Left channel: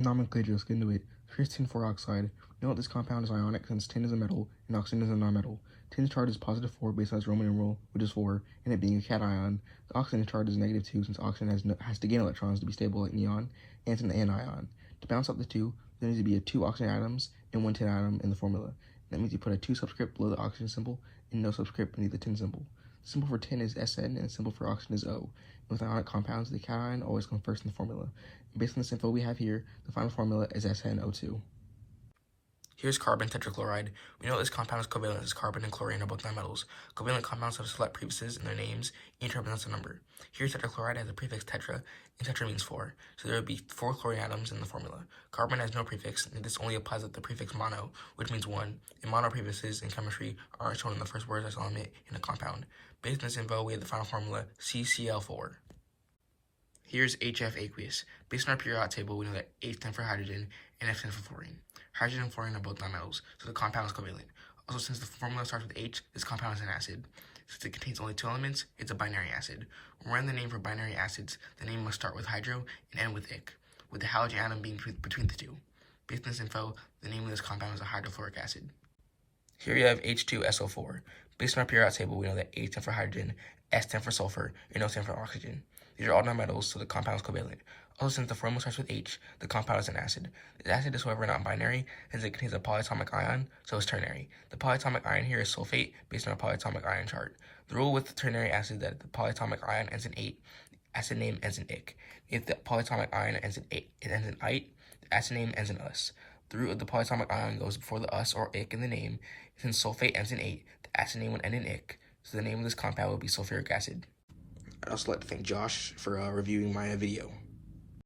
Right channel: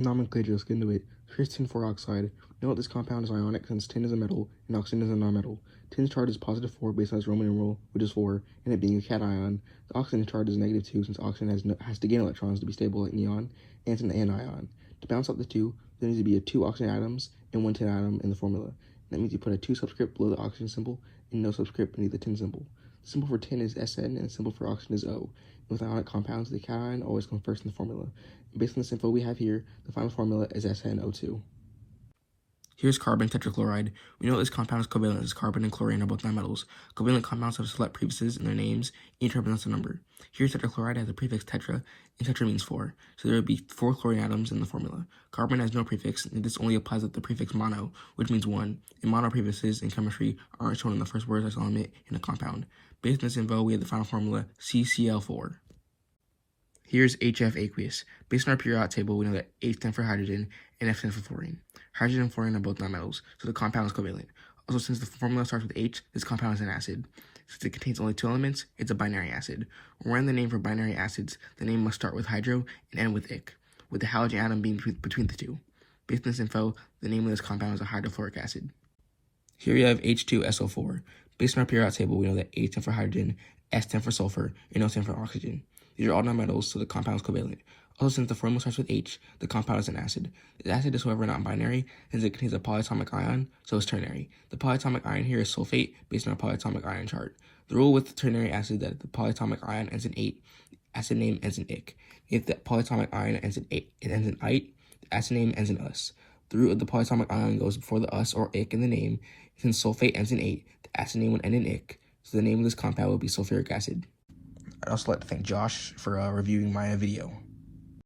Nomenclature, let's get into it. Here's tin 4 oxide. We know that this compound is ionic since tin is a metal and oxygen is a nonmetal. Tin's charge is positive 4 based on its Roman numeral, which is 4, and it being a cation. The oxygen charge is negative 2 since oxygen has to gain electrons to be stable like neon, and it's an anion. To balance out the two, there needs to be a 2 oxygen atoms and 1 tin atom in the formula. That means you put a 2 subscript below the oxygen symbol and no subscript beneath the tin symbol. The symbol for tin is Sn and the symbol for oxygen is O. And with ionic compounds, the cation always comes first in the formula. And based on this info we have here, the final formula is SnO2. Here's carbon tetrachloride. We know this compound is covalent as carbon and chlorine are both nonmetals. Covalent compounds have select prefixes in their names. Each represents a number. Here, tetrachloride has the prefix tetra, and tetra means 4. So there would be 4 chlorine atoms in the formula. Carbon has no prefix, and this only applies with the prefix mono, which means 1. And mono prefixes in chemistry are shown in the first word element in a compound. Based on this info, we have the final formula CCl4. Here's HF aqueous. Based on our periodic table, we know that H stands for hydrogen and F stands for fluorine. Hydrogen and fluorine are both nonmetals, so the compound is covalent. Also, since the formula starts with H, this compound is an acid. Since it contains only 2 elements, it's a binary acid. When we're in the name for binary acids, the name must start with hydro and end with ic, with the halogen atom being between the two. Based on this info, the name of this compound is a hydrofluoric acid. Here we have H2SO4. Based on our periodic table, we know that H stands for hydrogen, S stands for sulfur, and O stands for oxygen. These are all nonmetals, so the compound is covalent. Also, since the formula starts with H, the compound is an acid. This acid is, however, not binary, as it contains a polyatomic ion, so it's ternary. The polyatomic ion here is sulfate, based on our polyatomic ion chart. The rule with the ternary acid is that the polyatomic ion ends in ate, the acid name ends in ic. If the polyatomic ion ends in ate, it ends in ite, the acid name ends in us. The root of the polyatomic ion goes before the us or ic in the name. Since sulfate ends in ate, the acid name would end in ic, so the name of this compound would be sulfuric acid. I'd also like to thank Josh for reviewing my video.